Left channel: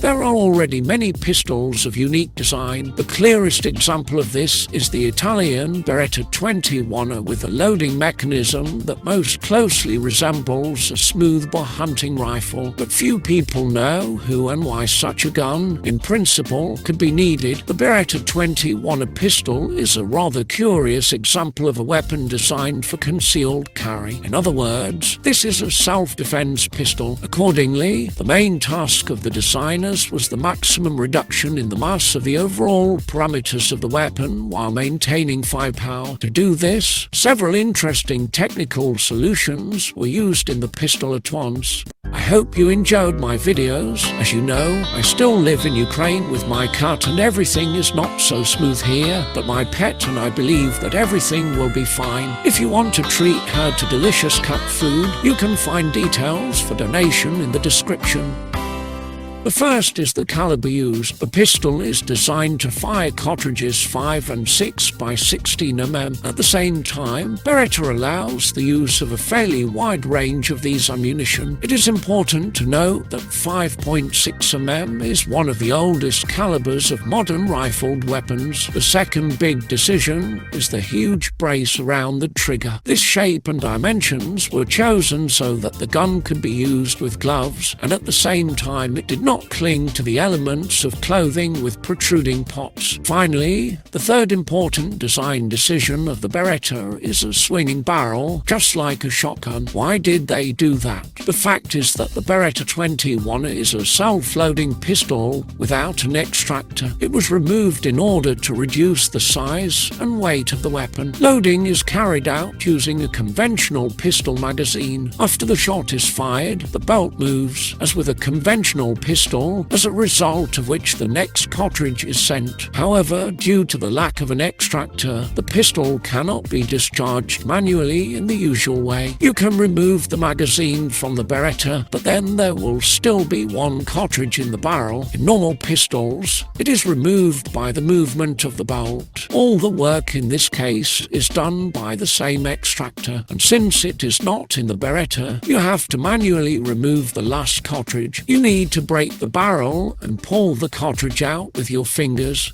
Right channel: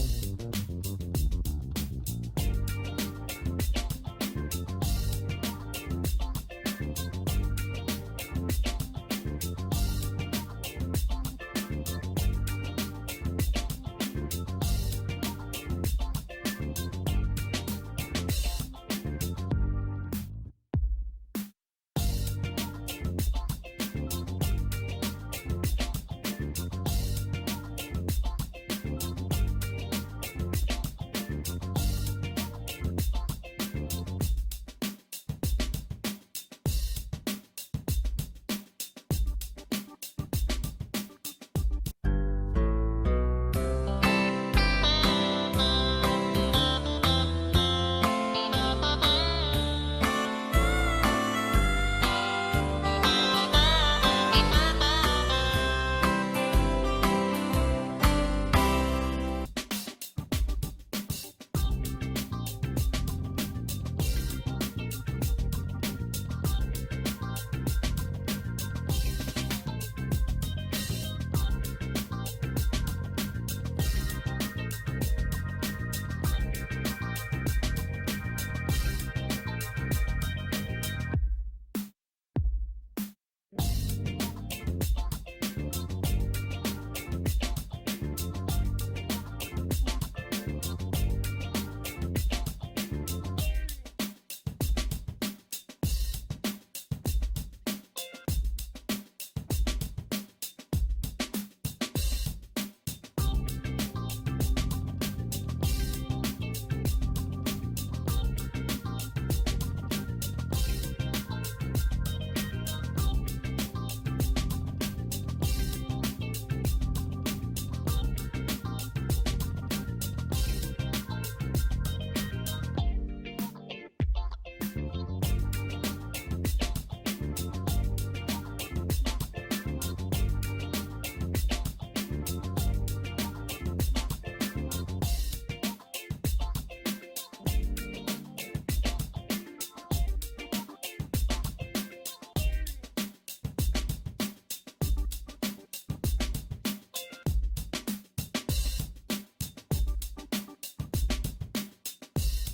There are already many pistols of unique design. The clearest example of this is the Italian Beretta 21 with a loading mechanism that most closely resembles a smoothbore hunting rifle. But few people know who and why such a gun, in principle, could be needed. The Beretta 21 pistol is a rather curious example of a weapon designed for concealed carry. In other words, this is a self-defense pistol. Accordingly, the main task of the designer was the maximum reduction in the mass of the overall parameters of the weapon while maintaining firepower. To do this, several interesting technical solutions were used in the pistol at once. I hope you enjoyed my videos. As you know, I still live in Ukraine with my cat and everything is not so smooth here, but my pet and I believe that everything will be fine. If you want to treat her to delicious cat food, you can find details for donation in the description. The first is the caliber used. The pistol is designed to fire cartridges 5 and 6 by 16 mm. At the same time, Beretta allows the use of a fairly wide range of these ammunition. It is important to note that 5.6 mm is one of the oldest calibers of modern rifled weapons. The second big decision is the huge brace around the trigger. This shape and dimensions were chosen so that the gun could be used with gloves, and at the same time it did not cling to the elements of clothing with protruding pots. Finally, the third important design decision of the Beretta is a swinging barrel, just like a shotgun. Why did they do that? The fact is that the Beretta 21 is a self-loading pistol without an extractor. It was removed in order to reduce the size and weight of the weapon. Loading is carried out using a conventional pistol magazine. After the shot is fired, the belt moves, as with a conventional pistol, as a result of which the next cartridge is sent. However, due to the lack of an extractor, the pistol cannot be discharged manually in the usual way. You can remove the magazine from the Beretta, but then there will still be one cartridge in the barrel. In normal pistols, it is removed by the movement of the belt. All the work in this case is done by the same extractor, and since it is not in the Beretta, you have to manually remove the last cartridge. You need to break the barrel and pull the cartridge out with your fingers.